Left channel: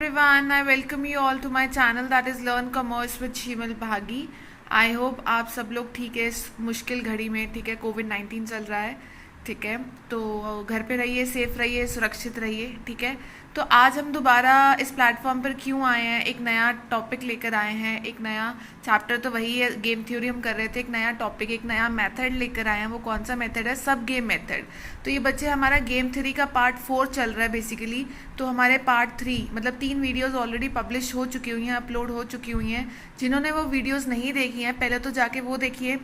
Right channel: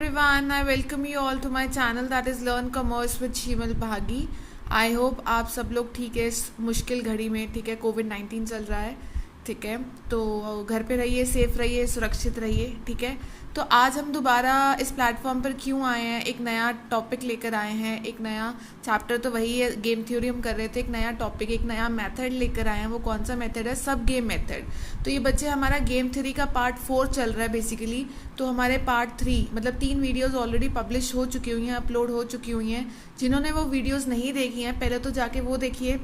Everyone, I welcome you all to my channel that is Learn Commerce with शीमल भागी। I hope आप सब लोग ठीक है इस मुश्किल घड़ी में। ठीक है, कोविड-19 चल रहा है। ठीक है, तो घर पे रहिए, सेफ रहिए, सुरक्षित रहिए। ठीक है, तो आज हम दोबारा इस प्लेटफॉर्म पर क्यों आए हैं, एक नया टॉपिक लेकर आए हैं। एक नया चैप्टर तो वही है, गेम थ्योरी हम कर रहे थे। एक नया टॉपिक, एक नया मेथड लेकर आए हैं। वो कौन सा मेथड है? सब गेम मेथड। तो ये बच्चे हमारा गेम थ्योरी का पार्ट 4 चल रहा है बेसिकली। तो हमारे पार्ट 3 मतलब 3 वीडियोस ऑलरेडी पब्लिश हो चुकी हुई हैं, अपलोड हो चुकी हुई हैं। जिन्होंने वो वीडियोस नहीं देखी हैं पहले तो जाके वो देखिए।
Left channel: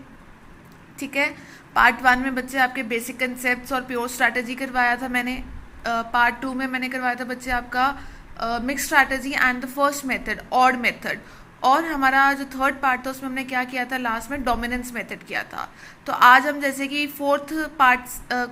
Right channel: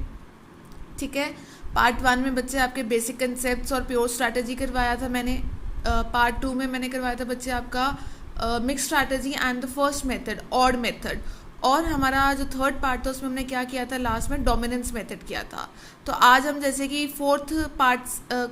ठीक है, पार्ट 1 में बच्चे आपके बेसिक कंसेप्ट्स और प्योर स्ट्रैटेजी करवाया था मैंने। पार्ट 2 में मैंने करवाया था बच्चे आपका mix strategy and the first method, odd method. और हमारा जो थर्ड पार्ट था उसमें हमने क्या किया था, लास्ट में डोमिनेंस मेथड किया था। तो आज हम जैसे कि फोर्थ पार्ट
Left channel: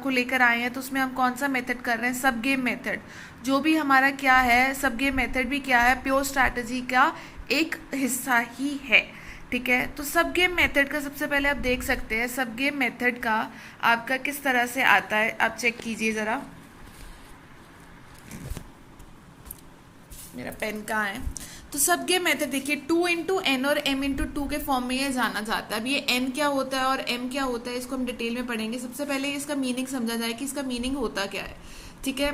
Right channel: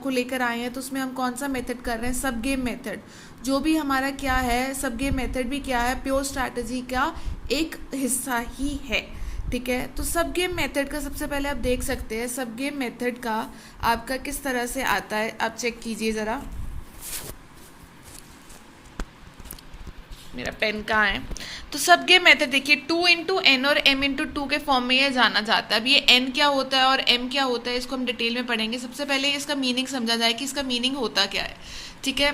को लेकर आए हैं, तो उसमें हम कौन सा मेथड कर रहे हैं? सब गेम मेथड। जो भी हमारा क्या है, सब गेम मेथड भी क्या है, प्योर स्ट्रैटेजी का एक हिस्सा ही है। ठीक है, तो सब गेम मेथड का सबसे पहले आप देख सकते हैं, सब गेम मेथड का आपका किस तरह से आता है। आप चेक कीजिए ज़रा, मेरा पेन कहाँ है। तो सब गेम मेथड देखिए, 2 × n और m × 2 के फॉर्म में ये जाना जाता है। अब ये n क्या होता है और m क्या होता है, इसको हम डिटेल में पढ़ेंगे। सबसे पहले इसका मीनिंग समझा जाए कि इसका मीनिंग होता क्या है। ठीक है,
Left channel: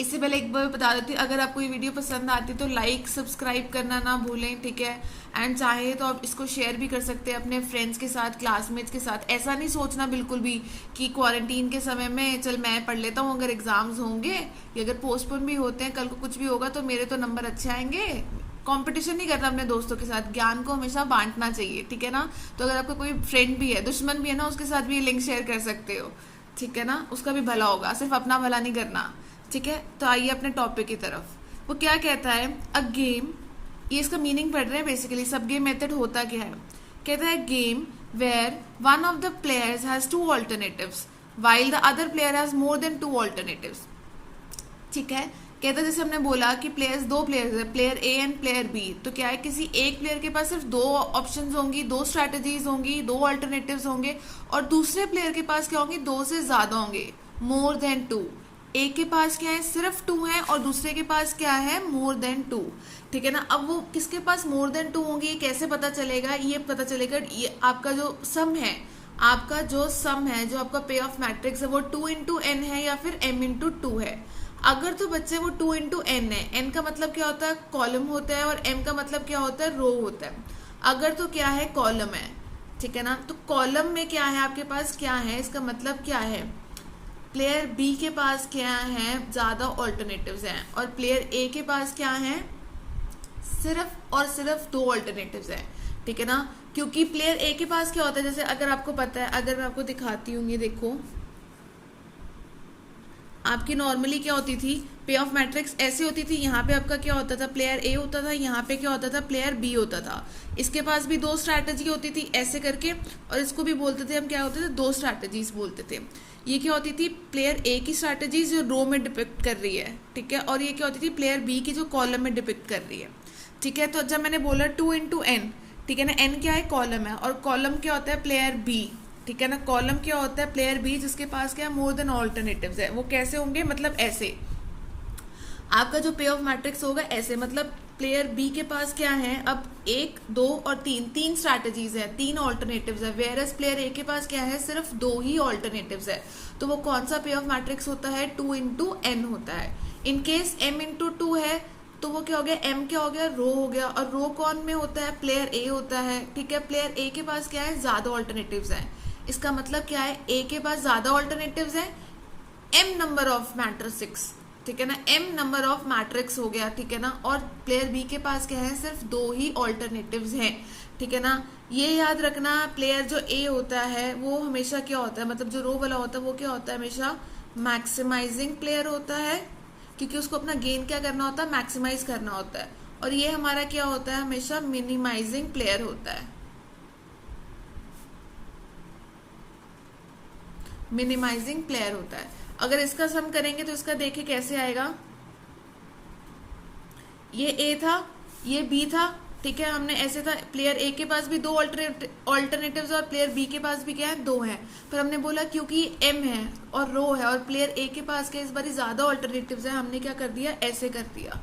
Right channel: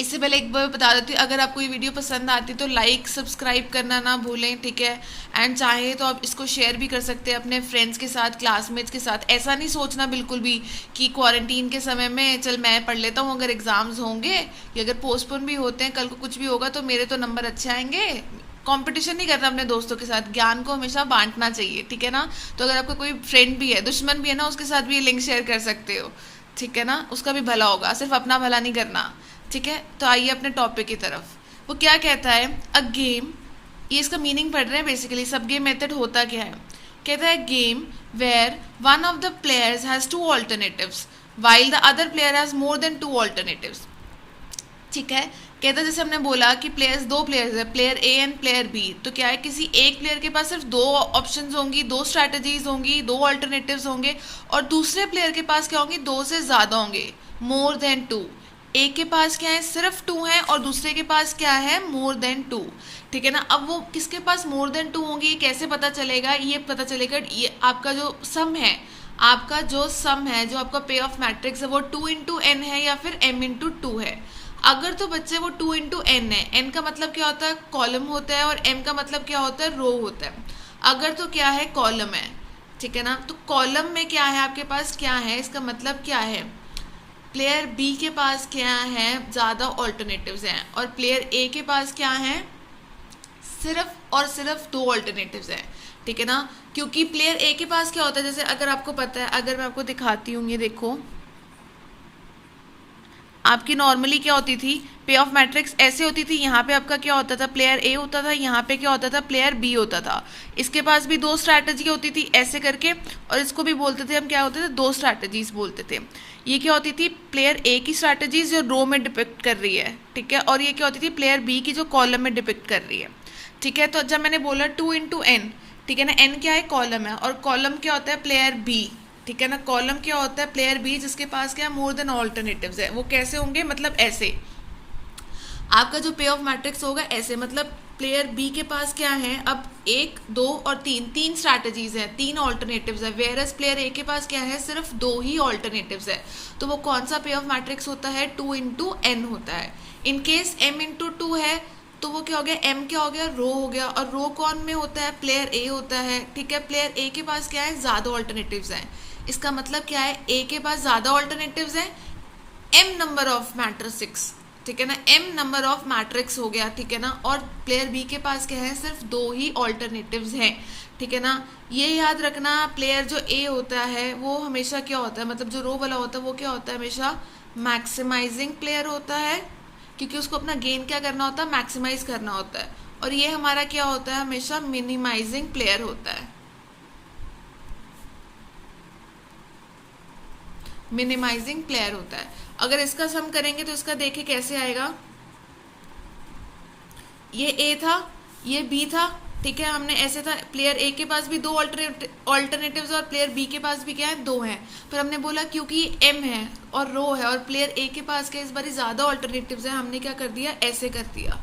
इससे पहले एक बार बता देती हूँ, अगर आपको ये वीडियो पसंद आती है तो लाइक सब्सक्राइब करना ना भूलें। ठीक है, एंड चाहे तो आप इसको शेयर भी कर सकते हैं अपने फ्रेंड्स के साथ, क्लासमेट्स के साथ। ऐसा नहीं सोचना बिल्कुल भी कि क्वारंटीन के समय में चल मैं पढ़ लेता हूँ, अगर एग्जाम्स होंगे या अगर पोस्टपोन भी होते हैं, कल को कुछ भी होगा तो मेरे तो नंबर अच्छे आएंगे। कंपटीशन नहीं करना अपने दोस्तों के साथ, ज्ञान को हमेशा बांटना चाहिए। ठीक है ना, तो अगर आपका कोई फ्रेंड भी है, दुश्मन भी है ना, उसके साथ भी ये लिंक शेयर कर सकते हो। ठीक है ना, उसका भी भला होगा, सिर्फ अपना भला नहीं करना। ठीक है, तो आइए अपने टॉपिक की तरफ। वो क्या कहता है, अ गेम, ये इसका मीनिंग पढ़ रहे हैं बेसिकली। सब गेम मेथड होता क्या है? कहता है game where one of the players has 2 alternatives while the other player has more than 2 alternatives. ठीक है, कहता है जैसे हमने बोला कि दो प्लेयर्स है, player A and player B. तो क्या है, किसी एक प्लेयर के पास सिर्फ 2 ऑप्शंस होंगी, 2 स्ट्रैटेजीज होंगी, 2 ऑल्टरनेटिव्स होंगे। और दूसरे प्लेयर के पास क्या होंगी, 2 से ज़्यादा होंगे, मोर देन 2। एक के पास क्या है, सिर्फ 2 है, और दूसरे के पास क्या है, मोर देन 2। ठीक है ना, अब वो किसके पास मोर देन 2 होंगी ये कैसे पता चलेगा? ये पता चलेगा, ये आपका जो सम है, आपका जो सम है, जो आपका पे ऑफ मैट्रिक्स है, वो 2 × n है या फिर m × 2 है। अगर तो बच्चे वो 2 × n है, n का मतलब क्या होता है, कॉलम होता है, और m का मतलब क्या होता है, रो होता है। अगर तो क्या है, कॉलम है। ठीक है ना, तो कॉलम में क्या है, आपके पास क्या है, इसका मतलब क्या है, प्लेयर बी के पास क्या है, ज़्यादा ऑल्टरनेटिव्स हैं, और प्लेयर ए के पास क्या है, सिर्फ और सिर्फ 2 ऑल्टरनेटिव्स हैं। ठीक है ना, क्योंकि प्लेयर ए के पास क्या होता है, जैसे अगर आपको पता है, अगर मैं आपको दिखाती हूँ, ये देखो, आपकी नॉर्मली क्या होती थी, पे ऑफ मैट्रिक्स ऐसे होती थी। यहाँ पे आपका क्या होता था, प्लेयर ए होता था, यहाँ पे क्या होता था, प्लेयर बी होता था। इसके पास भी 2 स्ट्रैटेजी होती थी ऐसे करके, और इसको भी बोलते थे हम, क्या होते थे, 2 स्ट्रैटेजीज बोलते थे। ये क्या होती थी, प्लेयर ए की स्ट्रैटेजीज जो रो में डिपिक्ट कर रही है। ठीक है, और ये क्या होती थी, प्लेयर बी की जो कॉलम में डिपिक्ट कर रही है। ठीक है, तो जब मैंने बोला 2 × n, ठीक है ना, n क्या है, कॉलम है, और कॉलम क्या होता है, प्लेयर बी। ठीक है ना, कॉलम क्या होता है, प्लेयर बी, जिसके पास क्या है, मोर देन ऑल्टरनेटिव्स है। वो कैसे होंगे, मतलब ऐसे, आपका जो पे ऑफ मैट्रिक्स होगा ऐसे, मतलब प्लेयर बी के पास क्या है, अब 1, 2 और 3 स्ट्रैटेजीज है, 3 ऑल्टरनेटिव्स है। वेयर एज प्लेयर ए के पास क्या है, सिर्फ 2 ही ऑल्टरनेटिव्स है। तो वो कौन सा पे ऑफ मैट्रिक्स होता है, 2 × n होता है। इन केस m × 2 है तो वो क्या हो गया, m क्या हो गया, रो हो गया, और रो कौन में होता है, प्लेयर ए होता है। ठीक है, प्लेयर ए के पास क्या है, ज़्यादा ऑल्टरनेटिव्स हैं। इसका मतलब क्या है, ए के पास ज़्यादा ऑल्टरनेटिव्स हैं, m नंबर ऑफ मैट्रिक्स। ठीक है ना, m नंबर ऑफ मैट्रिक्स हो गया। ठीक है ना, और प्लेयर बी के पास क्या है, सिर्फ 2 ही ऑल्टरनेटिव्स हैं। ठीक है ना, ये याद रखना, प्लेयर जो ए होता है वो हमेशा क्या होता है, मतलब जो रो वाला होता है वो क्या होता है, हमेशा मैक्सिमाइजिंग प्लेयर होता है, क्योंकि उसको अपना गेन क्या करना होता है, मैक्सिमाइज करना होता है। और ये हमारा क्या होता है, हमेशा मिनिमाइजिंग प्लेयर होता है, मिनिमाइजिंग प्लेयर होता है। अगर इसका सम करेंगे तो इसका देखिए कैसे आएगा, ये ए था, ये बी था। ठीक है, हमने ऐसे था, प्लेयर ए के पास भी 2 ऑल्टरनेटिव्स और प्लेयर बी के पास भी क्या है, 2 हैं। पर हमने बोला क्योंकि एम है और रो है और प्लेयर ए के पास के इस बार ज़्यादा ऑल्टरनेटिव्स है, हमने क्या कर दिया, ऐसे कर दिया।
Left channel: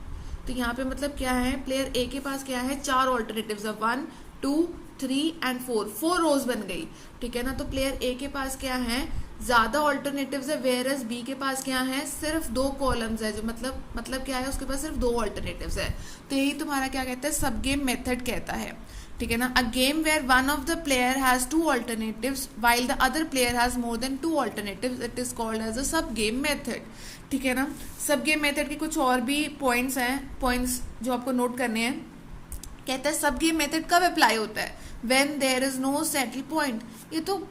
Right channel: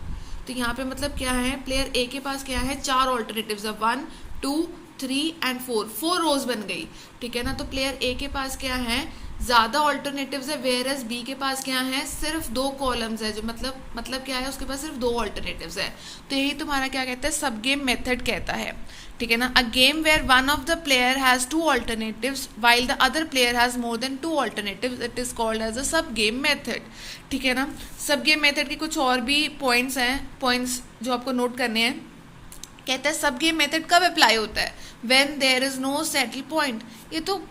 तो यहाँ पे मतलब क्या है, प्लेयर ए के पास क्या है, 4 ऑल्टरनेटिव्स है, 1 2 3 एंड 4 रोज बन गई, ठीक है ना। तो प्लेयर ए के पास क्या है, ज्यादा ऑल्टरनेटिव्स है, वेयर एज बी के पास क्या है, सिर्फ 2 कॉलम्स है, जो मतलब क्या है, उसके पास सिर्फ 2 ऑल्टरनेटिव्स है। तो यही तुम्हारा क्या कहता है, सब गेम मेथड कहता है, ठीक है ना। A game where one of the player has 2 alternatives while the other player has more than 2 alternatives, it is called as a sub game method, ठीक है ना। सब गेम मेथड के कुछ और भी पॉइंट्स हैं, पॉइंट्स जो आपको नोट करने हैं। कहता है सब गेम मेथड कब अप्लाई होता है, when there is no saddle point. ये तो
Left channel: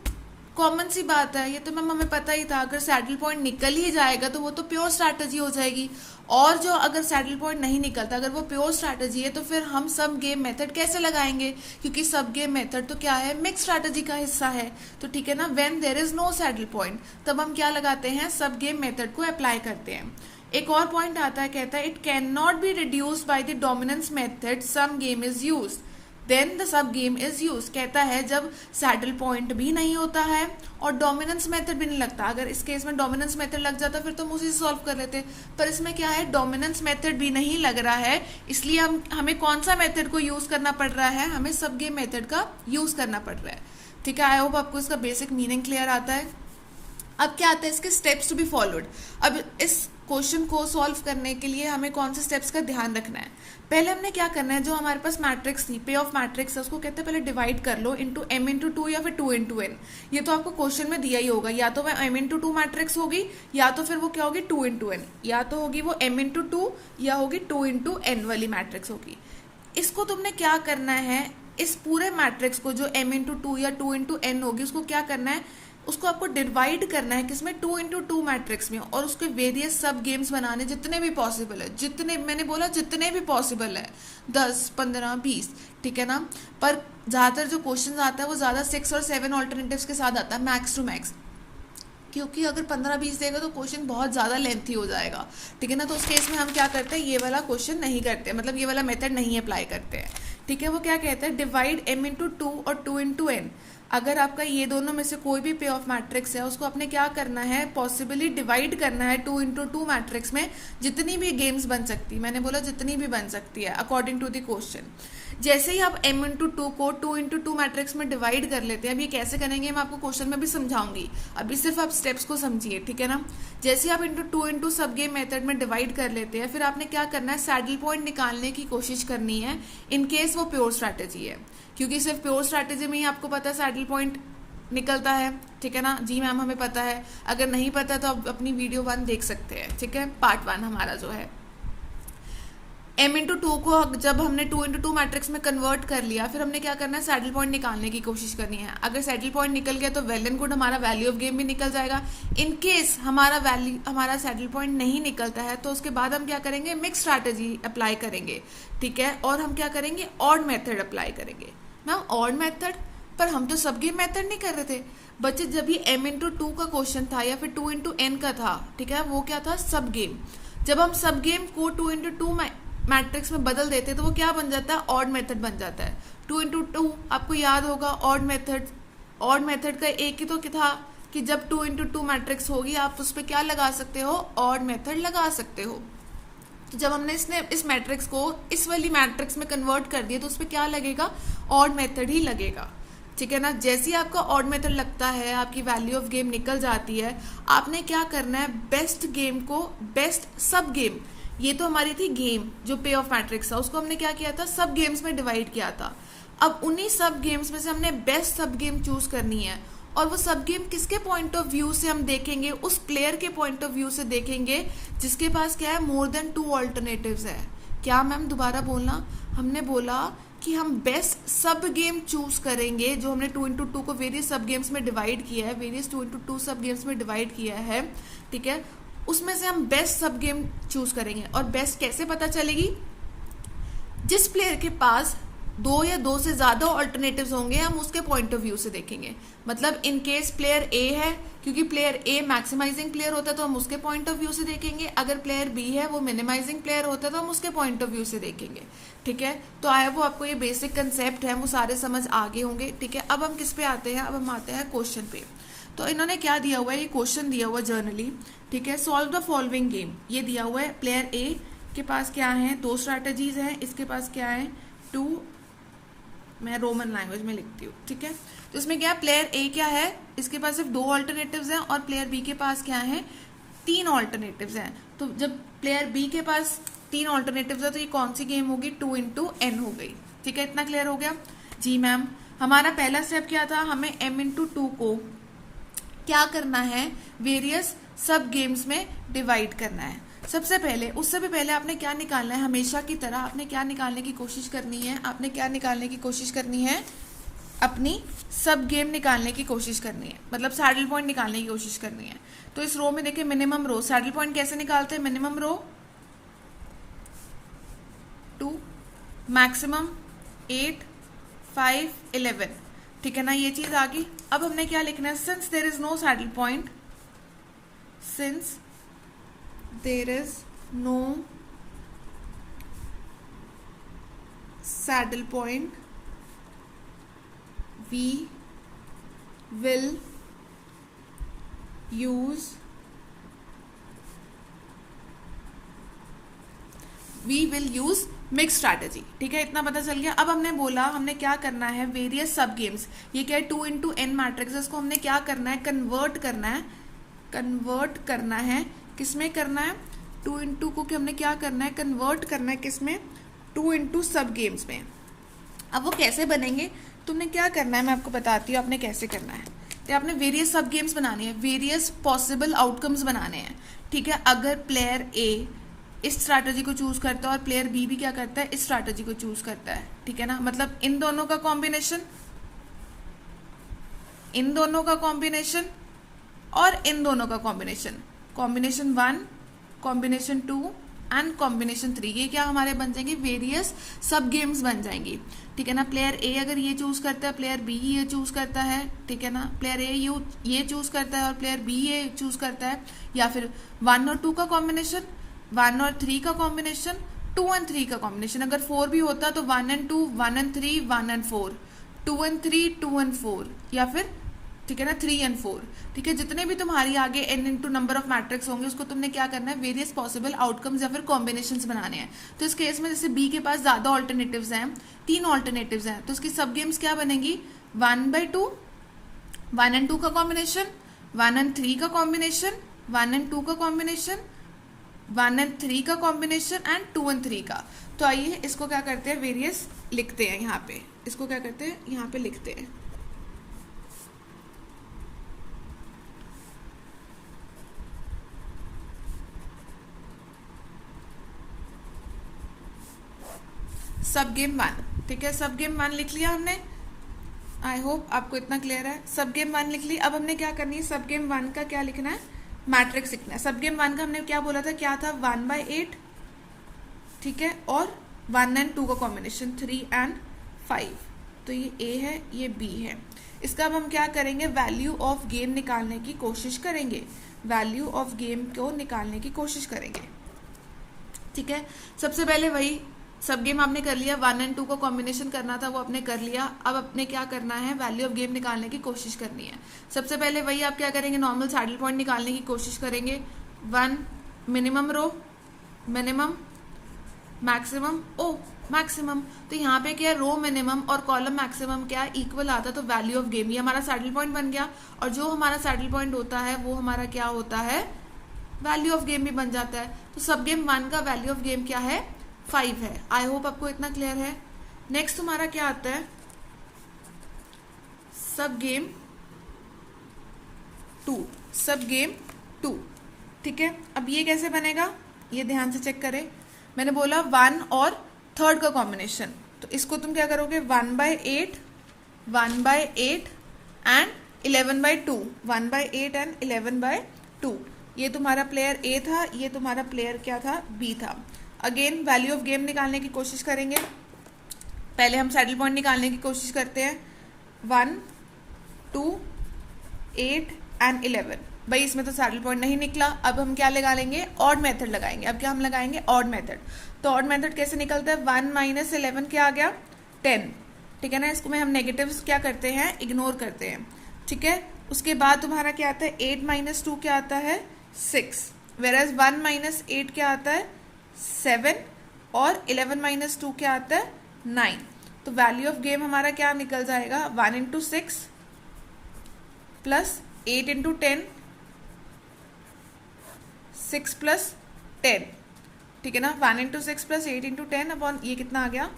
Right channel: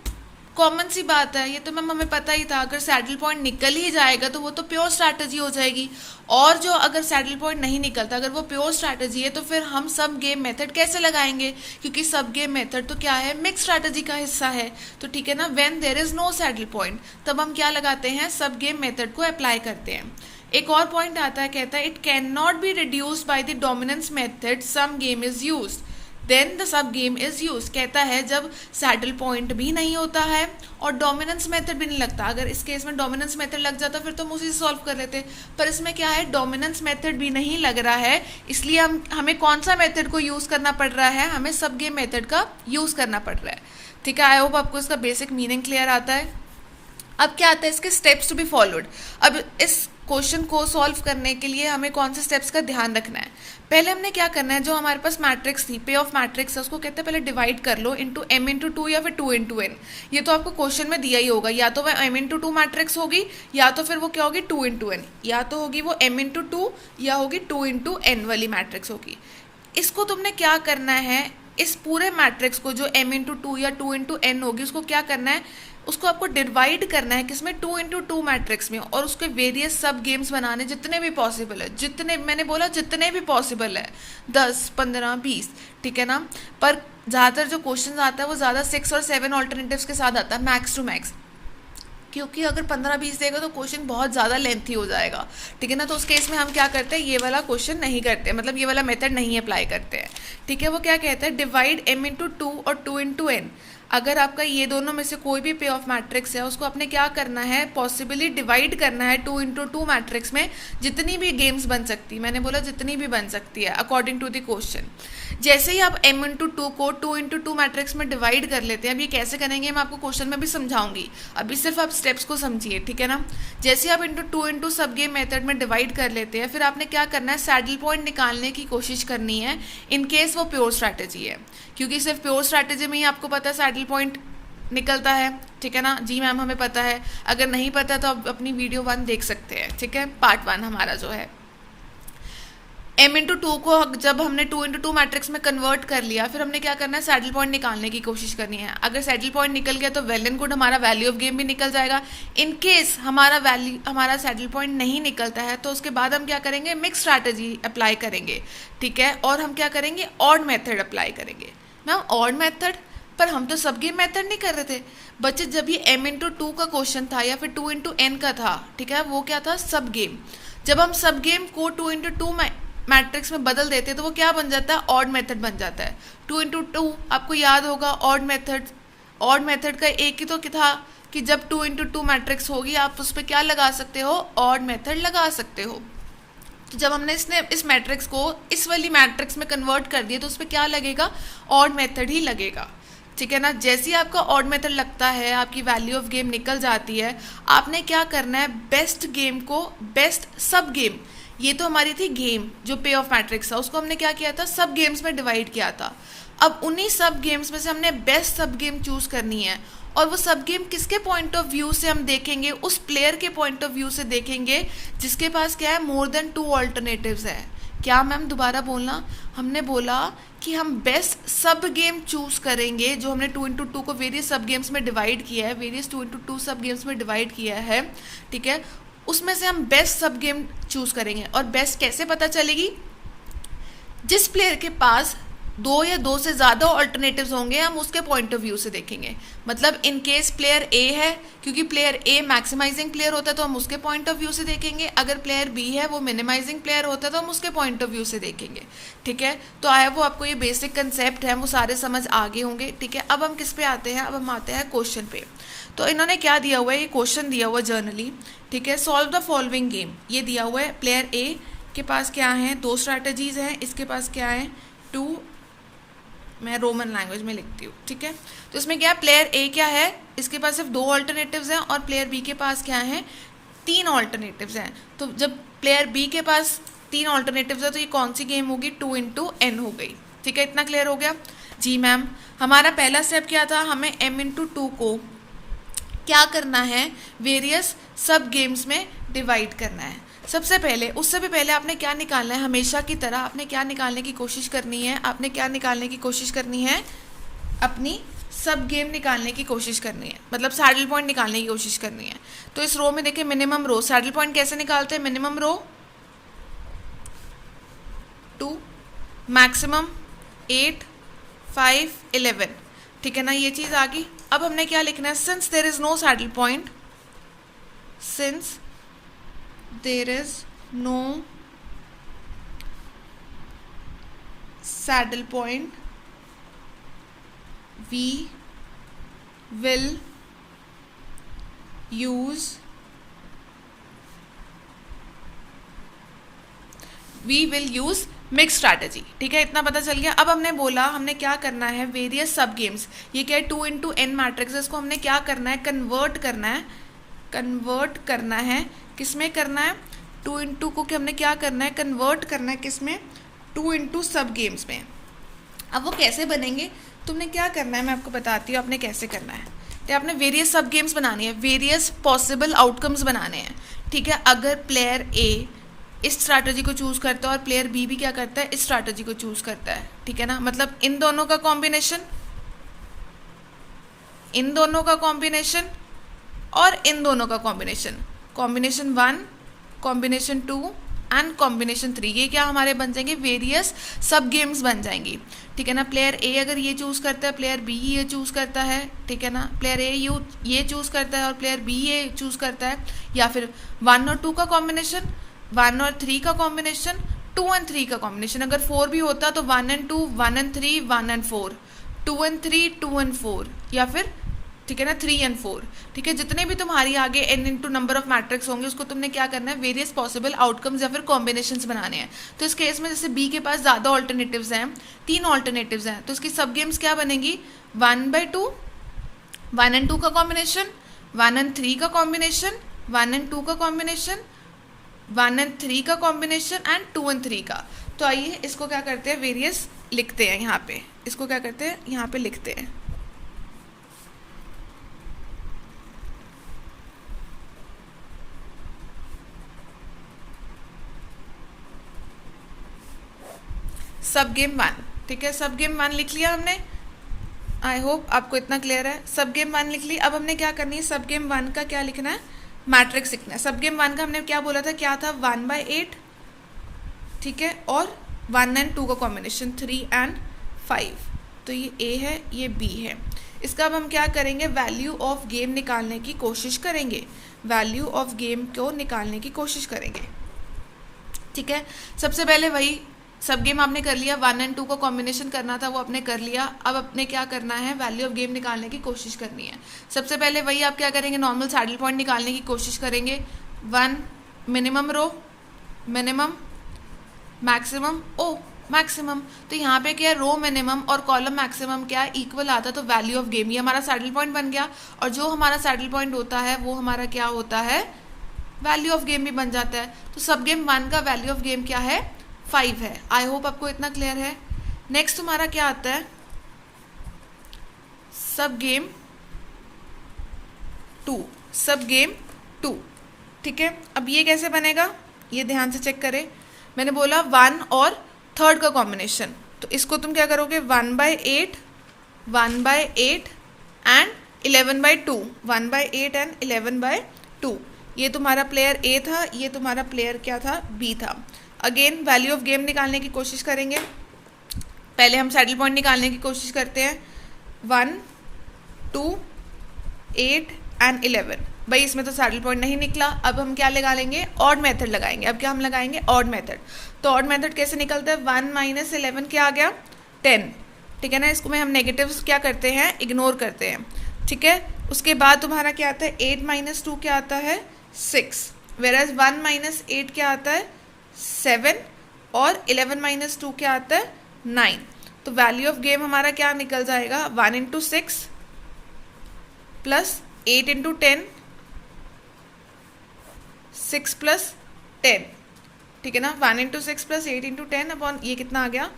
कॉमन सी बात है, ये तो मैम हमें पता ही था, अगर सैडल पॉइंट निकल ही जाएगा तो वो तो प्योर स्ट्रैटेजी हो जाएगी। और जो अगर सैडल पॉइंट नहीं निकलता, अगर वो प्योर स्ट्रैटेजी है, तो फिर हम सब गेम मेथड कैसे लगाएंगे, क्योंकि सब गेम मेथड तो क्या है, मिक्स स्ट्रैटेजी का हिस्सा है। तो ठीक है ना, when there is no saddle point, तब हम क्या लगाते हैं, सब गेम मेथड को अप्लाई करते हैं। एक और पॉइंट आता है, कहता है it can not be reduced by the dominance method some game is used then the sub game is use. कहता है जब सैडल पॉइंट भी नहीं होता है और डोमिनेंस मेथड भी नहीं लगता, अगर इस केस में डोमिनेंस मेथड लग जाता फिर तो हम उसी से सॉल्व कर लेते, पर इसमें क्या है, डोमिनेंस मेथड भी नहीं लग रहा है, इसलिए हमें कौन सा मेथड को यूज करना पड़ रहा है, हमें सब गेम मेथड का यूज करना पड़ रहा है, ठीक है। आई होप आपको इसका बेसिक मीनिंग क्लियर आता है। अब क्या आता है, इसके स्टेप्स टू बी फॉलोड। अब इस क्वेश्चन को सॉल्व करने के लिए हमें कौन से स्टेप्स का ध्यान रखना है। पहले हमने क्या करना है, जो हमारे पास मैट्रिक्स थी, पे ऑफ मैट्रिक्स है, उसको कहते हैं पहले डिवाइड कर लो इंटू m इंटू 2 या फिर 2 इंटू n। ये तो आपको क्वेश्चन में दिया ही होगा, या तो वह m इंटू 2 मैट्रिक्स होगी, या तो फिर वो क्या होगी 2 इंटू n, या तो होगी वो m इंटू 2 या होगी 2 इंटू n वाली मैट्रिक्स होगी। इसको तुमने क्या करना है, इस पूरे मैट्रिक्स को जो m इंटू 2 या 2 इंटू n होगी, उसको क्या करना है, उसको आपको डिवाइड करना है किसमें, 2 इंटू 2 मैट्रिक्स में, और उसके वेरियस सब गेम्स बनाने जितने भी पॉसिबल है, जितने मैंने बोला जितने भी पॉसिबल है, 10 15 20, ठीक है ना। पर ज़्यादातर जो क्वेश्चन आता है वो ज़्यादा 6 और 7 ऑल्टरनेटिव्स के साथ आता है, मैक्स टू मैक्स, क्योंकि अगर 15-20 देगा तो क्वेश्चन बहुत ज़्यादा लेंथी हो जाएगा, ठीक है ना। तो उस केस में हम क्या करते हैं, ये वाला क्वेश्चन नहीं करते, मतलब ये वाला मेथड नहीं अप्लाई करते हैं, ठीक है। वो क्या कहते हैं, डिवाइड m इंटू 2 और 2 इंटू n। अगर आपका ये दोनों में से कोई भी पे ऑफ मैट्रिक्स है, उसको आपने क्या करना है, पॉसिबली डिवाइड करना है 2 इंटू 2 मैट्रिक्स में, जितनी भी गेम्स बन सकती, मैंने बोला जितनी भी बन सकती है अकॉर्डिंग टू द क्वेश्चन। जैसे ही आप m इंटू 2 को 2 इंटू 2 मैट्रिक्स में डिवाइड कर लेते हैं, अब ये कैसे करेंगे मैं आपको क्वेश्चन में भी समझाऊंगी, अभी सिर्फ आप स्टेप्स को समझिए, ठीक है ना। जैसे आप इंटू 2 इंटू सब गेम मेथड में डिवाइड कर लेते हैं, फिर आपने क्या करना है, सैडल पॉइंट निकालने की कोशिश करनी है, इन केस वो प्योर स्ट्रैटेजी है, क्योंकि सिर्फ प्योर स्ट्रैटेजी में ही आपको पता है सैडल पॉइंट निकलता है, ठीक है ना। जी मैम हमें पता है, अगर नहीं पता तो आप अपनी वीडियो 1 देख सकते हैं, ठीक है, पार्ट 1 हमारा जो है। m इंटू 2 को जब हमने 2 इंटू 2 मैट्रिक्स में कन्वर्ट कर लिया, फिर हमने क्या करना है, सैडल पॉइंट निकालने की कोशिश करनी है। अगर सैडल पॉइंट निकल गया तो वेल एंड गुड, हमारा वैल्यू ऑफ गेम भी निकल जाएगा। इन केस हमारा सैडल पॉइंट नहीं निकलता है, तो उसके बाद हम क्या करेंगे, मिक्स स्ट्रैटेजी अप्लाई करेंगे, ठीक है, और हम क्या करेंगे, ऑड मेथड अप्लाई करेंगे। मैम ऑड मेथड, पर हम तो सब गेम मेथड नहीं कर रहे थे बच्चे, जब ये m इंटू 2 का क्वेश्चन था या फिर 2 इंटू n का था, ठीक है, वो क्या था, सब गेम। जब हम सब गेम को 2 इंटू 2 मैट्रिक्स में बदल देते तो वो क्या बन जाता है, ऑड मेथड बन जाता है। 2 इंटू 2 आपको याद होगा, ऑड मेथड का एक ही तो था कि जब 2 इंटू 2 मैट्रिक्स होगी आप उस पर क्या लगा सकते हो, ऑड मेथड लगा सकते हो। तो जब हमने इस मैट्रिक्स को इस वाली मैट्रिक्स में कन्वर्ट कर दिया तो उस पर क्या लगेगा, ऑड मेथड ही लगेगा, ठीक है ना। जैसे ही आपका ऑड मेथड लगता है, आपकी वैल्यू ऑफ गेम निकल जाती है, आपने क्या करना है, बेस्ट गेम को बेस्ट सब गेम, ये तो हमारी थी गेम जो पे ऑफ मैट्रिक्स था, उसको हमने क्या किया था, सब गेम्स में डिवाइड किया था। अब उन्हीं सब गेम्स में से हमने बेस्ट सब गेम चूज करनी है, और वो सब गेम किसके पॉइंट ऑफ व्यू से हम देखेंगे, उस प्लेयर के पॉइंट ऑफ व्यू से देखेंगे जिसके पास क्या है, मोर देन 2 ऑल्टरनेटिव्स है। क्या मैम दोबारा बोलना, हमने बोला कि हम बेस्ट सब गेम चूज करेंगे, जो हमने 2 इंटू 2 को वेरियस सब गेम्स में डिवाइड किया है, वेरियस 2 इंटू 2 सब गेम्स में डिवाइड किया है, ठीक है, उसमें से हम बेस्ट सब गेम चूज करेंगे। और बेस्ट कैसे पता चलेगी, जिस प्लेयर के पास 2 या 2 से ज़्यादा ऑल्टरनेटिव्स होंगे, हम उसके पॉइंट ऑफ व्यू से देखेंगे। मतलब इन केस प्लेयर ए है, क्योंकि प्लेयर ए मैक्सिमाइजिंग प्लेयर होता है तो हम उसके पॉइंट ऑफ व्यू से देखेंगे, अगर प्लेयर बी है वो मिनिमाइजिंग प्लेयर होता है तो हम उसके पॉइंट ऑफ व्यू से देखेंगे, ठीक है। तो आया वो आपको ये बेसिक कंसेप्ट है, वो सारे समझ आगे होंगे, ठीक है। अब हम किस पे आते हैं, अब हम आते हैं क्वेश्चन पे। तो इन्होंने क्या दिया हुआ है, ये क्वेश्चन दिया हुआ जर्नली, ठीक है, सॉल्व द फॉलोइंग गेम, ये दिया हुआ है, प्लेयर ए के पास क्या है, 2 स्ट्रैटेजीज हैं, इसके पास क्या है 2, मैं रोमन लैंग्वेज में लिखती हूँ, ठीक है। तो इसमें क्या है, प्लेयर ए क्या है, इसके पास सिर्फ 2 ऑल्टरनेटिव्स हैं और प्लेयर बी के पास क्या है 3 ऑल्टरनेटिव्स हैं। तो जब प्लेयर बी के पास 3 ऑल्टरनेटिव्स है तो ये कौन सी गेम होगी, 2 इंटू एन हो गई, ठीक है। इतना क्लियर हो गया जी मैम। हमारा पहला स्टेप क्या था, हमें m इंटू 2 को क्या करना है, वेरियस सब गेम्स में डिवाइड करना है। सबसे पहले, उससे भी पहले आपने क्या निकालना है, हमेशा की तरह आपने क्या निकालने की कोशिश करनी है, आपने क्या निकालने की कोशिश करनी है, अपनी सब गेम निकालने की कोशिश करनी है, मतलब सैडल पॉइंट निकालने की कोशिश करनी है। तो इस रो में देखिए मिनिमम रो, सैडल पॉइंट कैसे निकालते हैं, मिनिमम रो 2, मैक्सिमम 8, 5, 11, ठीक है ना, ये चीज़ आ गई। अब हमने क्या लिखना है, since there is no saddle point, since there is no saddle point we will use mix strategy, ठीक है, इतना पता चल गया। अब हमने बोला हमने क्या करना है, वेरियस सब गेम्स, ये क्या है 2 इंटू एन मैट्रिक्स है, इसको हमने क्या करना है, कन्वर्ट करना है, किस में करना है, 2 इंटू को कि हमने क्या करना है, कन्वर्ट करना है किस में, 2 इंटू सब गेम्स में। अब वो कैसे बनेंगे, तुमने क्या करना है मैं आपको बताती हूँ आपने कैसे करना है। तो आपने वेरियस सब गेम्स बनानी है, वेरियस पॉसिबल आउटकम्स बनाने हैं, ठीक है। अगर प्लेयर ए इस स्ट्रैटेजी को चूज़ करता है और प्लेयर बी भी क्या करता है, इस स्ट्रैटेजी को चूज़ करता है, ठीक है ना, मतलब इन दोनों का कॉम्बिनेशन, इन दोनों का कॉम्बिनेशन और इन दोनों का combination, combination 1, combination 2 and combination 3, ये क्या हमारे बन जाएंगे, वेरियस सब गेम्स बन जाएंगी, ठीक है ना। प्लेयर ए अगर ये चूज़ करता है, प्लेयर बी ये चूज़ करता है, ठीक है ना, प्लेयर ए ये चूज़ करता है और प्लेयर बी ये चूज़ करता है, या फिर 1 और 2 का कॉम्बिनेशन, 1 और 3 का कॉम्बिनेशन, 2 एंड 3 का कॉम्बिनेशन, अगर 4 भी होता तो 1 and 2, 1 and 3, 1 and 4, 2 and 3, 2 and 4, या फिर ठीक है ना 3 एंड 4, ठीक है। जितने भी तुम्हारी आगे n into number of matrix होंगे उसको तुमने क्या करना है, वेरियस पॉसिबल आउटकम्स या फिर कॉम्बिनेशंस बनाने हैं। तो इस केस में जैसे b के पास ज़्यादा ऑल्टरनेटिव्स हैं, 3 ऑल्टरनेटिव्स हैं, तो उसकी सब गेम्स क्या बनेंगी, 1/2, 1 एंड 2 का कॉम्बिनेशन, 1 एंड 3 का कॉम्बिनेशन, 1 एंड 2 का कॉम्बिनेशन, 1 एंड 3 का कॉम्बिनेशन एंड 2 एंड 3 का। तो आइए इसको क्या करते हैं, वेरियस लिखते हैं यहाँ पे, इसको क्या करते हैं यहाँ पे लिखते हैं। सब गेम 1, ठीक है, सब गेम 1 लिख लिया हमने, आई होप आपको इतना क्लियर है। सब गेम 1 लिख ली। अब हमने क्या करनी है, सब गेम 1 का क्या लिखना है, मैट्रिक्स लिखना है। सब गेम 1 का हमने क्या बोला था, क्या था 1/8, ठीक है, और 1 एंड 2 का कॉम्बिनेशन 3 एंड 5, तो ये ए है ये बी है। इसका अब हम क्या करेंगे, वैल्यू ऑफ गेम निकालने की कोशिश करेंगे, वैल्यू ऑफ गेम को निकालने की कोशिश करेंगे, ठीक है। सबसे पहले वही सब गेम आपने कर लिया, 1 एंड 2 का कॉम्बिनेशन करना था वो आपने कर लिया। अब अपने क्या करना है, वैल्यू ऑफ गेम निकालने की कोशिश करनी है। सबसे पहले वही आप क्या करेंगे, नॉर्मल सैडल पॉइंट निकालने की कोशिश करेंगे। 1 मिनिमम रो, मिनिमम, मैक्सिमम, ओ मैक्सिमम, तो यहाँ पे क्या है, रो मिनिमम और कॉलम मैक्सिमम क्या है, इक्वल आता, तो वैल्यू ऑफ गेम, ये हमारा सैडल पॉइंट बन गया। और जो हमारा सैडल पॉइंट होता है वो हमारा क्या होता है, वैल्यू ऑफ गेम भी बन जाता है। तो सब गेम 1 का वैल्यू ऑफ गेम क्या है, 5 है। आई होप आपको इतना क्लियर है। नेक्स्ट तुम्हारा क्या आता है, सब गेम 2, सब गेम 2, ठीक है। अब ये कैसे बनेगा, ये ध्यान से चेक करें। मैंने बोला 1 और 3 का कॉम्बिनेशन, तो इसको तुम क्या करोगे, 1/8, 1/8 एंड 11/2, 1/8 एंड 11/2। ये तुम्हारा प्लेयर ए था, ये तुम्हारा प्लेयर क्या था, बी था। अगेन वैल्यू ऑफ गेम निकालने की कोशिश करेंगे। पहले हम सैडल पॉइंट निकालने की कोशिश करते हैं, 1, 2, 8 एंड 11। भाई इसमें तो सैडल पॉइंट नहीं निकला। अब हम क्या लगा लेंगे, ऑड मेथड लगाएंगे। अब क्या हम लगाएंगे, ऑड मेथड। तो ऑड मेथड कैसे निकलता है, 1 - 11 क्या आ गया, 10, ठीक है ना। इसको में हम नेगेटिव्स क्या करते हैं, इग्नोर करते हैं, ठीक है। उसके बाद तुम्हारा क्या आता है, 8 - 2 क्या आता है, 6, वेराज 1 - 8 क्या आता है, 7 और 11 माइनस 2 क्या आता है 9। तो वैल्यू ऑफ गेम हमारा क्या निकल जाएगा 1 इंटू 6 प्लस 8 इंटू 10, 6 प्लस 10, ठीक है ना। 1 इंटू 6 प्लस 8 इंटू 10 अपॉन ये कितना आ गया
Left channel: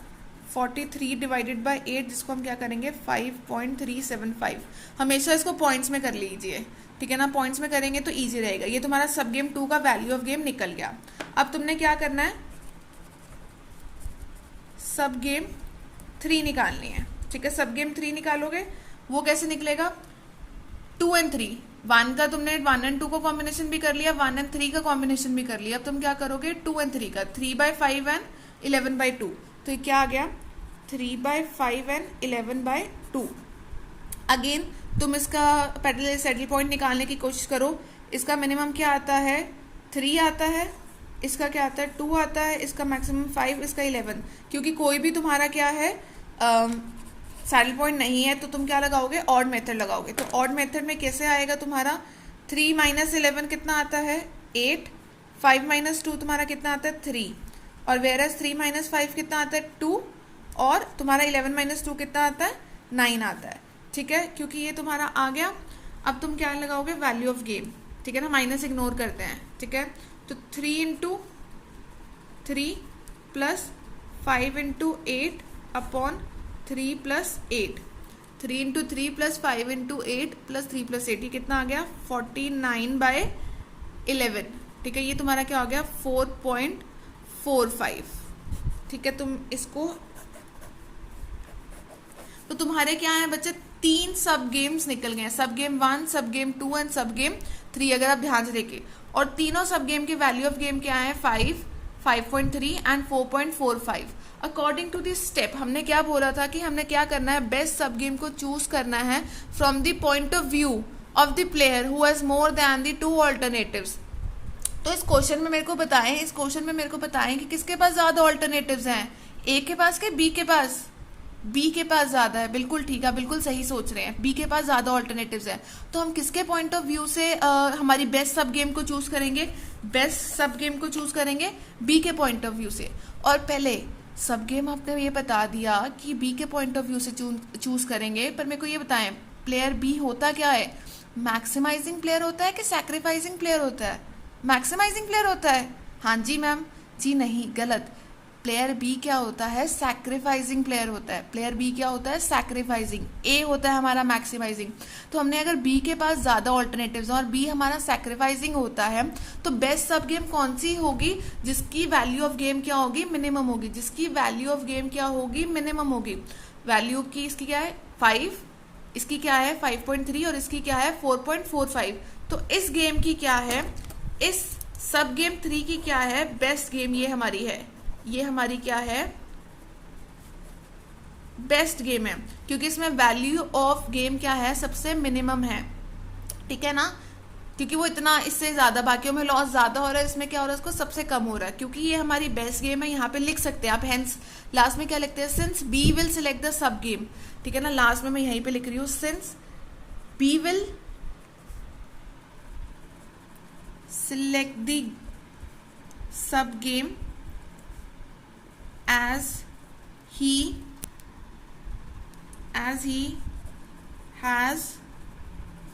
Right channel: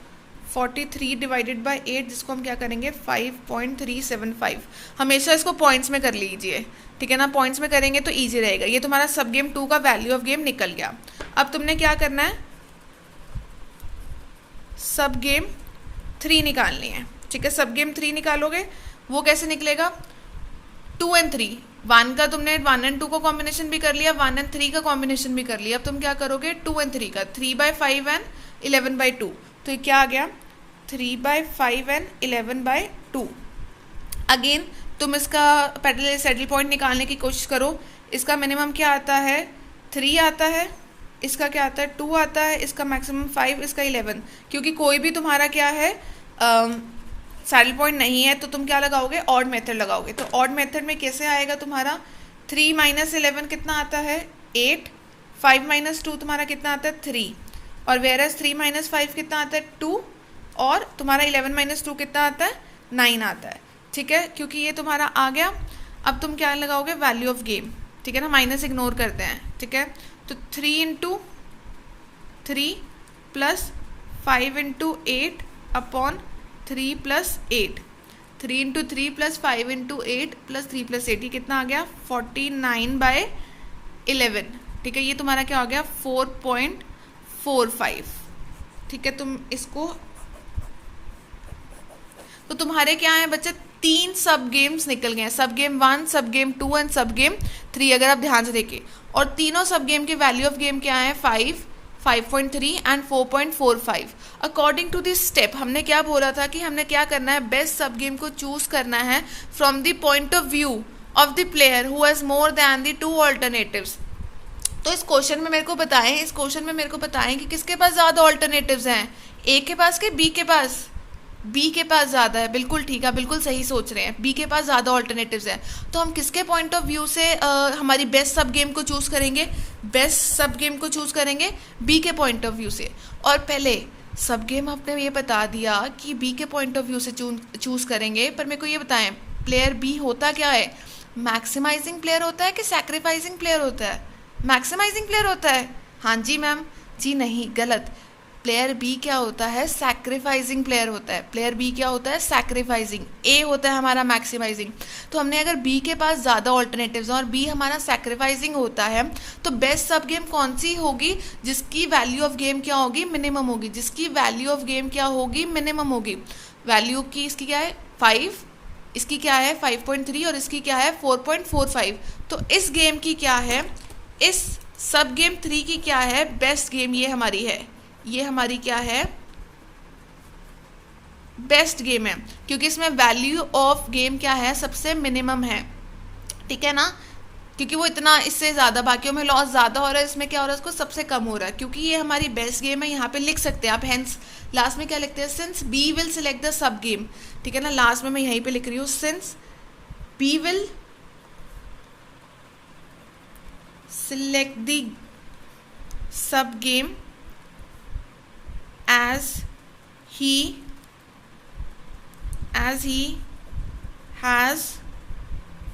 43 डिवाइडेड बाय 8, जिसको हम क्या करेंगे 5.375। हमेशा इसको पॉइंट्स में कर लीजिए, ठीक है ना, पॉइंट्स में करेंगे तो इजी रहेगा। ये तुम्हारा सब गेम 2 का वैल्यू ऑफ गेम निकल गया। अब तुमने क्या करना है, सब गेम 3 निकालनी है, ठीक है। सब गेम 3 निकालोगे, वो कैसे निकलेगा 2 एंड 3, 1 का तुमने 1 एंड 2 का कॉम्बिनेशन भी कर लिया, 1 एंड 3 का कॉम्बिनेशन भी कर लिया। अब तुम क्या करोगे 2 एंड 3 का, 3/5 एंड 11/2। तो ये क्या आ गया 3/5 एंड 11/2। अगेन तुम इसका पैरेलल सैडल पॉइंट निकालने की कोशिश करो। इसका मिनिमम क्या आता है 3 आता है, इसका क्या आता है 2 आता है, इसका मैक्सिमम 5, इसका 11। क्योंकि कोई भी तुम्हारा क्या है सैडल पॉइंट नहीं है, तो तुम क्या लगाओगे ऑड मेथड लगाओगे। तो ऑड मेथड में कैसे आएगा तुम्हारा 3 माइनस 11 कितना आता है 8, 5 माइनस 2 तुम्हारा कितना आता है 3, और वेरस 3 माइनस 5 कितना आता है 2, और तुम्हारा 11 माइनस 2 कितना आता है 9 आता है, ठीक है। क्योंकि ये तुम्हारा आ गया। अब तुम क्या लगाओगे वैल्यू ऑफ गेम, ठीक है ना, माइनस इग्नोर करते हैं, ठीक है। तो 3 into 3 plus 5 into 8 upon 3 plus 8, 3 into 3 plus 5 into 8 plus 3 plus 8, ये कितना आ गया 49/11, ठीक है। ये तुम्हारा क्या हो गया 4.45, ठीक है। तुम इसको, तो तुम्हारे क्या है बच्चे 3 सब गेम्स निकल गए हैं, सब गेम 1, सब गेम 2 एंड सब गेम 3, अगर आप ध्यान से देखें। और तीनों सब गेम की वैल्यू ऑफ गेम क्या है 5, 5.3 and 4.45। According to this step हमने क्या बोला था कि हमने क्या करना है बेस्ट सब गेम को चूज करना है from the point of view of the player who has more then the 2 alternatives. तो इस क्वेश्चन में मेरे को बताएं कि किसके पास ज़्यादा ऑल्टरनेटिव्स हैं, ए के पास के बी के पास। बी के पास ज़्यादा है, बिल्कुल ठीक है, बिल्कुल सही सोच रहे हैं, बी के पास ज़्यादा ऑल्टरनेटिव्स हैं। तो हम किसके पॉइंट ऑफ व्यू से हमारी बेस्ट सब गेम को चूज़ करेंगे, बेस्ट सब गेम को चूज़ करेंगे बी के पॉइंट ऑफ व्यू से। और पहले सब गेम आपने ये बता दिया कि बी के पॉइंट ऑफ व्यू से चूज़ करेंगे, पर मेरे को ये बताएं प्लेयर बी होता क्या है, मैक्सिमाइजिंग प्लेयर होता है कि सैक्रिफाइसिंग प्लेयर होता है? मैक्सिमाइजिंग प्लेयर होता है। हाँ जी मैम, जी नहीं, गलत। प्लेयर बी क्या होता है सैक्रिफाइसिंग प्लेयर होता है। प्लेयर बी क्या होता है सैक्रिफाइसिंग, ए होता है हमारा मैक्सिमाइजिंग। तो हमने अगर बी के पास ज़्यादा ऑल्टरनेटिव्स हैं और बी हमारा सैक्रिफाइसिंग होता है, तो बेस्ट सब गेम कौन सी होगी जिसकी वैल्यू ऑफ गेम क्या होगी मिनिमम होगी, जिसकी वैल्यू ऑफ गेम क्या होगी मिनिमम होगी। वैल्यू की इसकी क्या है 5, इसकी क्या है 5.3 और इसकी क्या है 4.45। तो इस गेम की क्या है, इस सब गेम 3 की क्या है बेस्ट गेम, ये हमारी है, ये हमारी क्या है बेस्ट गेम है, क्योंकि इसमें वैल्यू ऑफ गेम क्या है सबसे मिनिमम है, ठीक है ना। क्योंकि वो इतना, इससे ज़्यादा बाकियों में लॉस ज़्यादा हो रहा है, इसमें क्या हो रहा है उसको सबसे कम हो रहा है, क्योंकि ये हमारी बेस्ट गेम है। यहाँ पे लिख सकते हैं आप, हेंस लास्ट में क्या लिखते हैं since B will select the sub game, ठीक है ना। लास्ट में मैं यहीं पे लिख रही हूँ since B will select the sub game as he has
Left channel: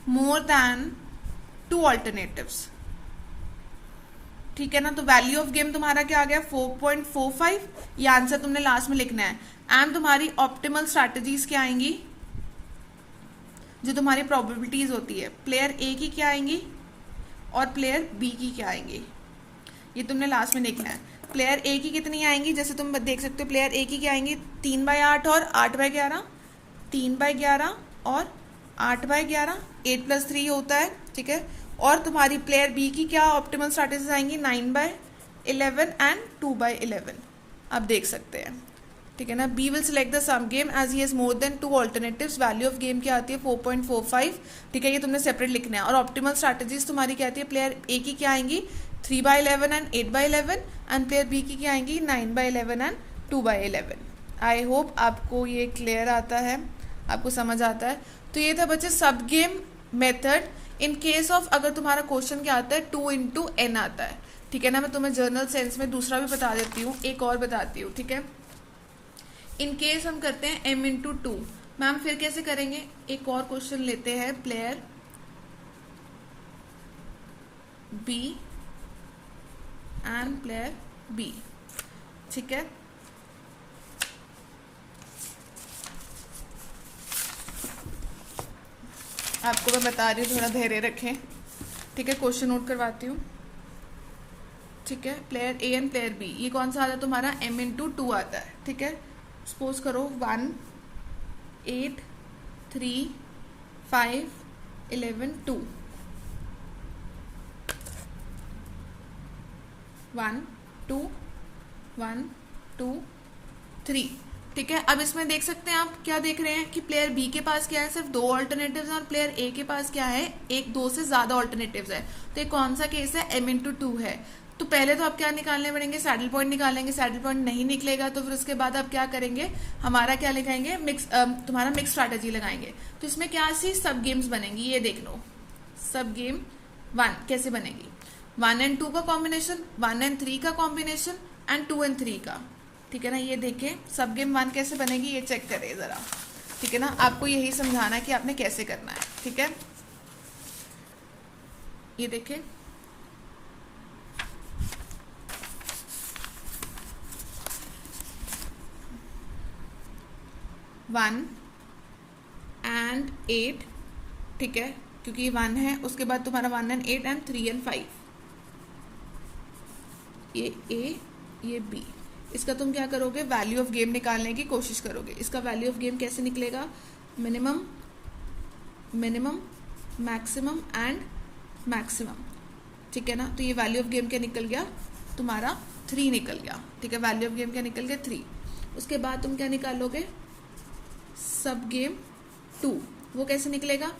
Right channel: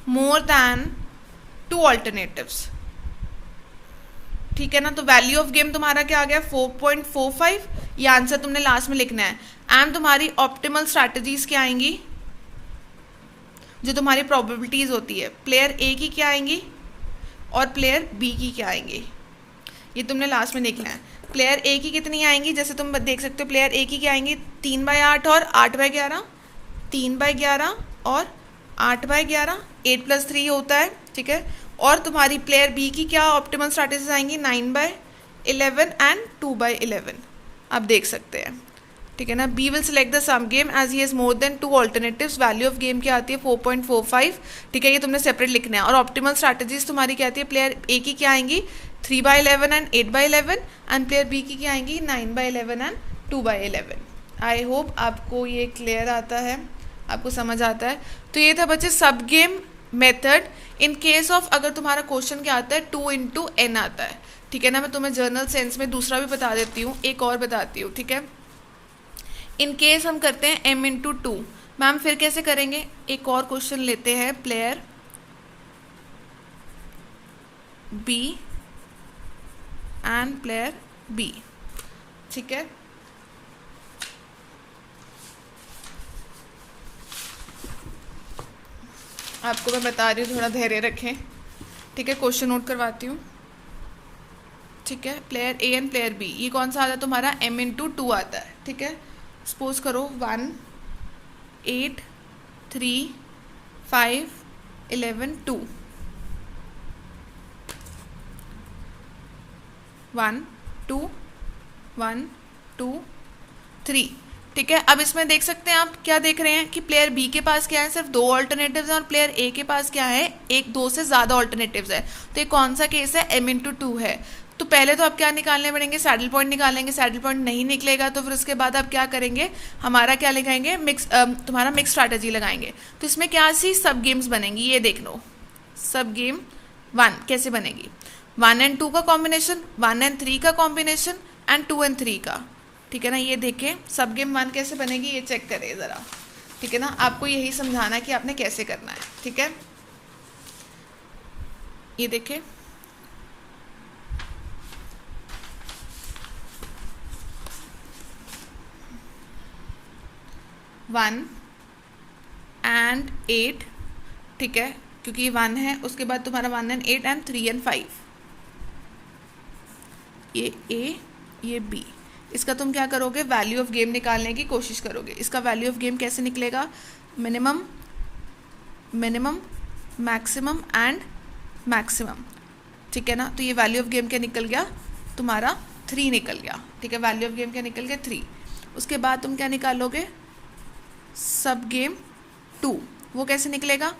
more than 2 alternatives, ठीक है ना। तो वैल्यू ऑफ गेम तुम्हारा क्या आ गया 4.45, ये आंसर तुमने लास्ट में लिखना है। एंड तुम्हारी ऑप्टिमल स्ट्रैटेजीज क्या आएंगी, जो तुम्हारी प्रोबेबिलिटीज होती है, प्लेयर ए की क्या आएंगी और प्लेयर बी की क्या आएंगी, ये तुमने लास्ट में लिखना है। प्लेयर ए की कितनी आएंगी, जैसे तुम देख सकते हो प्लेयर ए की क्या आएंगी 3/8 और 8/11, 3/11 और 8/11, 8 + 3 होता है, ठीक है। और तुम्हारी प्लेयर बी की क्या ऑप्टिमल स्ट्रैटेजीज आएंगी 9/11 एंड 2/11, आप देख सकते हैं, ठीक है ना। B will select the some game as he has more than 2 alternatives, value of game क्या आती है 4.45, ठीक है, ये तुमने सेपरेट लिखना है। और ऑप्टिमल स्ट्रैटेजीज तुम्हारी क्या आती है, प्लेयर ए की क्या आएंगी 3/11 एंड 8/11 एंड प्लेयर बी की क्या आएंगी 9/11 एंड 2/11। आई होप आपको ये क्लियर आता है, आपको समझ आता है। तो ये था बच्चे सब game method. In case of अगर तुम्हारा क्वेश्चन क्या आता है 2 × n आता है, ठीक है ना। मैं तुम्हें जर्नल सेंस में दूसरा भी बता देती हूँ, एक और बताती हूँ, ठीक है। इन केस हम करते हैं m इंटू टू, मैम फिर कैसे करेंगे? एक और क्वेश्चन लेते हैं, player B and player B, ठीक है। आपको मैं बता रही हूँ, थोड़ा धैर्य रखें, ठीक है। क्वेश्चन नोट करवाती हूँ, ठीक है। Player A and player B, ये कौन सा आता है तुम्हारा? m इंटू टू आता है, ठीक है। सपोज करो 1 8 3 5 11 2, 1 2 1 2 3, ठीक है। अब इसमें देख सकते हैं आप, क्या देख रहे हैं कि प्लेयर बी के पास क्या है? सिर्फ 2 ऑल्टरनेटिव्स हैं, और प्लेयर ए के पास क्या है? 1 2 से ज़्यादा ऑल्टरनेटिव्स है। तो ये कौन सा केस है? m इंटू टू है। तो पहले तो आप क्या निकालने पड़ेंगे? सैडल पॉइंट निकालेंगे। सैडल पॉइंट नहीं निकलेगा तो फिर उसके बाद आप क्या करेंगे? हमारा क्या लगाएंगे? तुम्हारा मिक्स स्ट्रैटेजी लगाएंगे। तो इसमें क्या सी सब गेम्स बनेंगी, ये देख लो। सब गेम 1 कैसे बनेगी? 1 एंड 2 का कॉम्बिनेशन, 1 एंड 3 का कॉम्बिनेशन, एंड 2 एंड 3 का, ठीक है ना। ये देखें सब गेम 1 कैसे बनेगी, ये चेक करें ज़रा, ठीक है ना। आपको यही समझाना है कि आपने कैसे करना है, ठीक है। ये देखें, वन एंड 8, ठीक है, क्योंकि ये 1 है। उसके बाद तुम्हारा 1 एंड 8 एंड 3 एंड 5, ये ए ये बी। इसका तुम क्या करोगे? वैल्यू ऑफ गेम निकालने की कोशिश करोगे। इसका वैल्यू ऑफ गेम कैसे निकलेगा? Minimum minimum maximum and maximum, ठीक है ना। तो ये वैल्यू ऑफ गेम क्या निकल गया? तुम्हारा 3 निकल गया, ठीक है। वैल्यू ऑफ गेम क्या निकल गया? 3। उसके बाद तुम क्या निकालोगे? सब गेम 2, वो कैसे निकलेगा?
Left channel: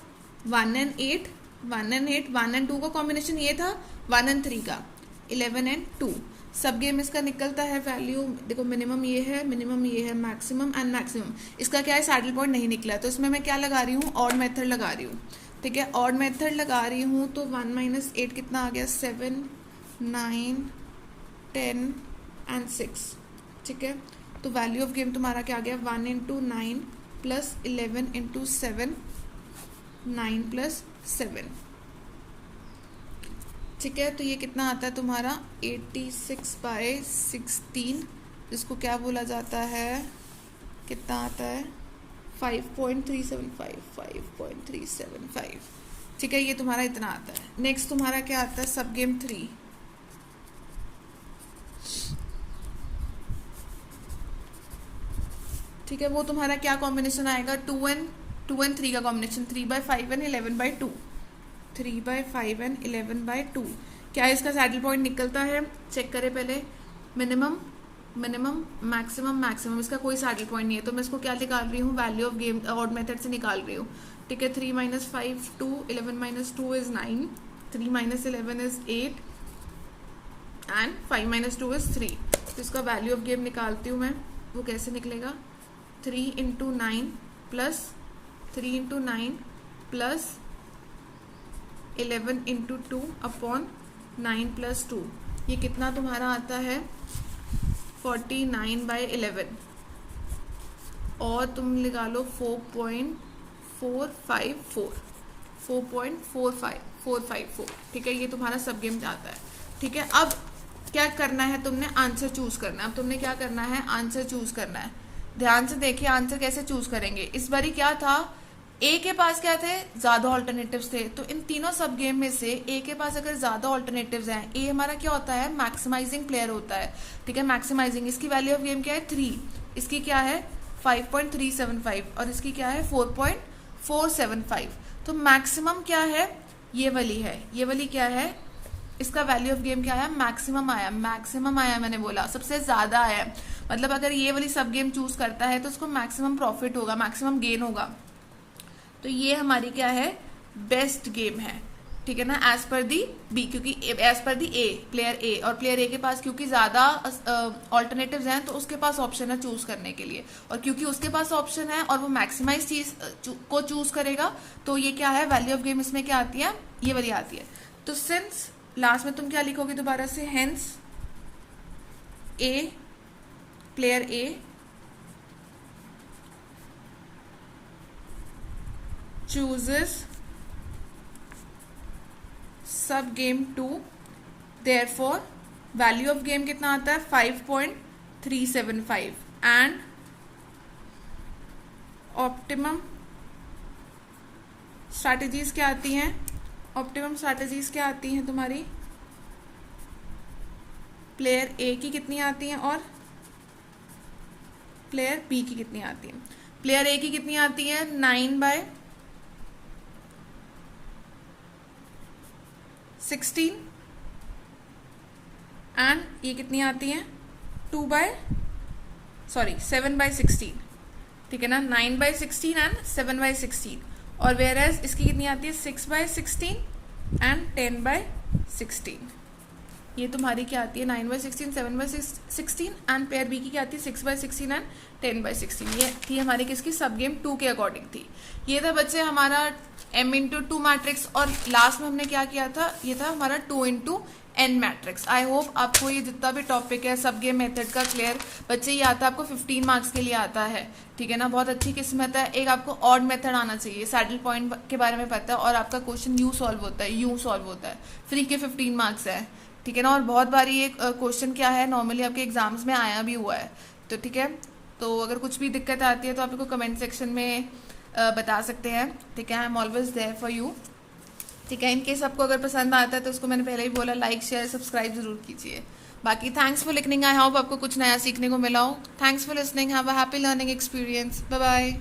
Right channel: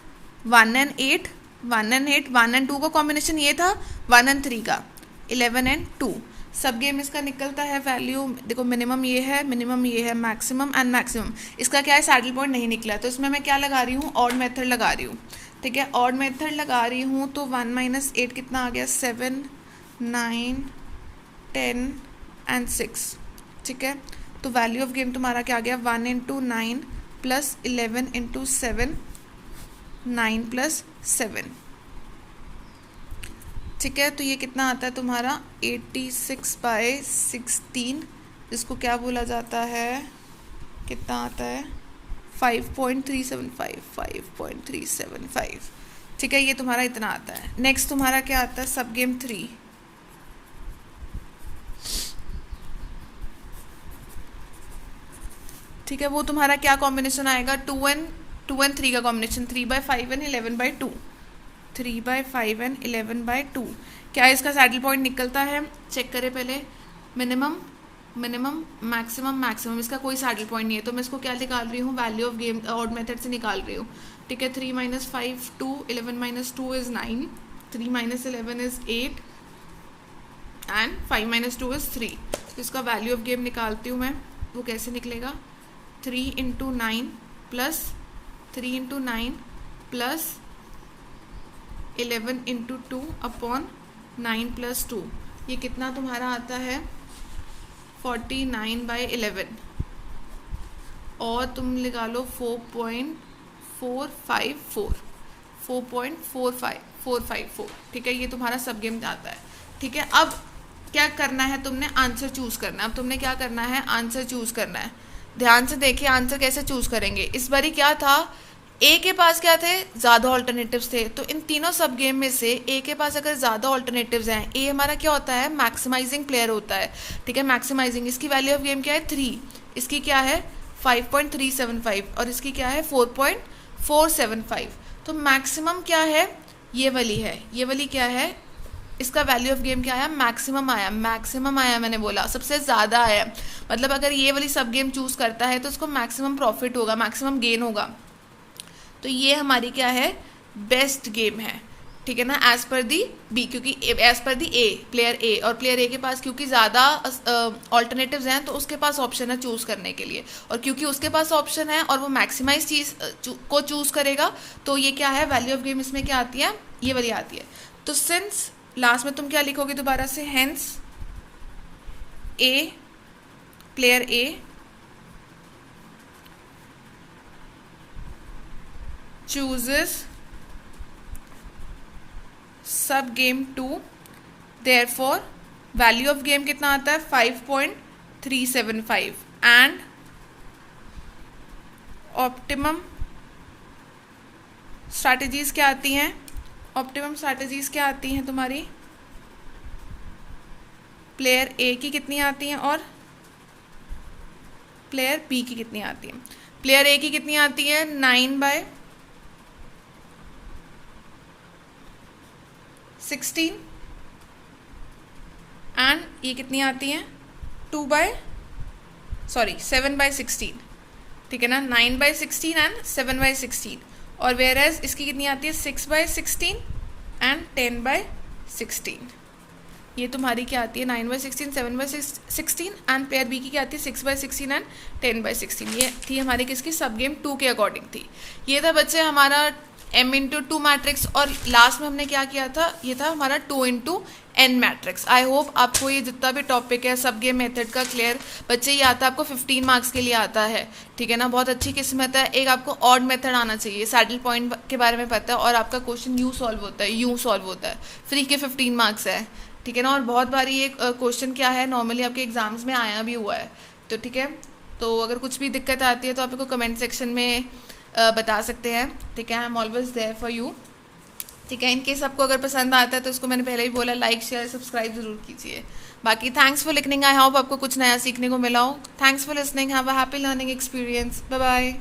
1 एंड 8 1 एंड 8 1 एंड 2 का कॉम्बिनेशन ये था, 1 एंड 3 का 11 एंड 2। सब गेम इसका निकलता है वैल्यू, देखो मिनिमम ये है, मैक्सिमम एंड मैक्सिमम। इसका क्या है? सैडल पॉइंट नहीं निकला, तो इसमें मैं क्या लगा रही हूँ? ऑड मेथड लगा रही हूँ, ठीक है। ऑड मेथड लगा रही हूँ तो 1 माइनस 8 कितना आ गया? 7 9 10 एंड 6, ठीक है। तो वैल्यू ऑफ गेम तुम्हारा क्या आ गया? 1 इंटू 9 प्लस 11 इंटू 7, 9 प्लस 7, ठीक है। तो ये कितना आता है तुम्हारा? 86/16, जिसको क्या बोला जाता है? कितना आता है? 5.375, ठीक है। ये तुम्हारा इतना आता है। नेक्स्ट तुम्हारा क्या आता है? सब गेम 3, ठीक है। वो तुम्हारा क्या कॉम्बिनेशन आएगा? 2 एंड 3 का कॉम्बिनेशन, 3/5 एंड 11/2, 3/5 एंड 11/2। क्या इसका सैडल पॉइंट निकलता है? चेक करें पहले। मिनिमम मैक्सिमम, इसका कोई सैडल पॉइंट नहीं है, तो मैं इसको क्या निकाल रही हूँ? Value of game odd method से निकाल रही हूँ, ठीक है। 3 - 5 2, 11 - 2 इज 9, 3 - 11 इज 8 एंड 5 - 2 इज 3। तो इसका वैल्यू ऑफ गेम निकालती हूँ मैं, वो कैसे निकलेगा? 3 into 9 plus 3 into 9 plus 11 into 2 upon 9 plus 2, ये कितना तुम्हारा आता है? 49/11, और तुम लगा लो 4.454, ठीक है। ये तुम्हारा सब गेम जाता है, ठीक है। अब क्या करना है? तुमने आंसर चूज करना है। अब तुमने क्या करना है? आंसर चूज करना है। ध्यान से देखिए आंसर कैसे चूज करेंगे। इस बारी क्या था? ए के पास क्या थे? ज़्यादा ऑल्टरनेटिव्स थे। तो इन तीनों सब गेम में से ए के पास अगर ज़्यादा ऑल्टरनेटिव्स हैं, ए हमारा क्या होता है? मैक्सिमाइजिंग प्लेयर होता है, ठीक है। मैक्सिमाइजिंग, इसकी वैल्यू ऑफ गेम क्या है? 3, इसकी क्या है? 5.375, और इसकी क्या है? 4.475। तो मैक्सिमम क्या है? ये वाली है। ये वाली क्या है? इसका वैल्यू ऑफ गेम क्या आया? मैक्सिमम आया। मैंने बोला सबसे ज़्यादा आया, मतलब अगर ये वाली सब गेम चूज़ करता है तो उसको मैक्सिमम प्रॉफिट होगा, मैक्सिमम गेन होगा। तो ये हमारी क्या है? बेस्ट गेम है, ठीक है ना, एज पर दी बी, क्योंकि एज पर दी ए, प्लेयर ए, और प्लेयर ए के पास क्योंकि ज़्यादा ऑल्टरनेटिव्स हैं तो उसके पास ऑप्शन है चूज़ करने के लिए, और क्योंकि उसके पास ऑप्शन है और वो मैक्सिमाइज चीज़ को चूज़ करेगा, तो ये क्या है? वैल्यू ऑफ गेम इसमें क्या आती है? ये वाली आती है। तो सिंस लास्ट में तुम क्या लिखोगे दोबारा से, hence A, player A chooses सब game 2, therefore value of game कितना आता है 5.375 एंड ऑप्टिमम स्ट्रैटेजीज क्या आती हैं, ऑप्टिमम स्ट्रैटेजीज क्या आती हैं तुम्हारी, प्लेयर ए की कितनी आती हैं और प्लेयर बी की कितनी आती हैं। प्लेयर ए की कितनी आती है 9/16 एंड ये कितनी आती हैं 7/16, ठीक है ना, 9/16 एंड 7/16, और वेयर एज इसकी कितनी आती है 6/16 एंड 10/16। ये तुम्हारी क्या आती है 9/16, 7/16 एंड प्लेयर बी की क्या आती है 6/16 एंड 10/16। ये थी हमारी किसकी, सब गेम 2 के अकॉर्डिंग थी। ये था बच्चे हमारा m/2 मैट्रिक्स, और लास्ट में हमने क्या किया था, ये था हमारा 2/n मैट्रिक्स। आई होप आपको ये जितना भी टॉपिक है सब गेम मेथड का क्लियर बच्चे ये आता है, आपको 15 मार्क्स के लिए आता है, ठीक है ना, बहुत अच्छी किस्मत है। एक आपको ऑड मेथड आना चाहिए, सैडल पॉइंट के बारे में पता है, और आपका क्वेश्चन यूँ सॉल्व होता है, यूँ सॉल्व होता है, फ्री के 15 मार्क्स है, ठीक है ना। और बहुत बार ये क्वेश्चन क्या है नॉर्मली आपके एग्जाम्स में आया भी हुआ है, तो ठीक है। तो अगर कुछ भी दिक्कत आती है तो आप इसको कमेंट सेक्शन में बता सकते हैं, ठीक है। I am always there for you, ठीक है। इनकेस आपको अगर पसंद आता है तो उसको मैंने पहले ही बोला, लाइक शेयर सब्सक्राइब जरूर कीजिए। बाकी thanks for listening, I hope आपको कुछ नया सीखने को मिला हो। Thanks for listening, have a happy learning experience, bye bye.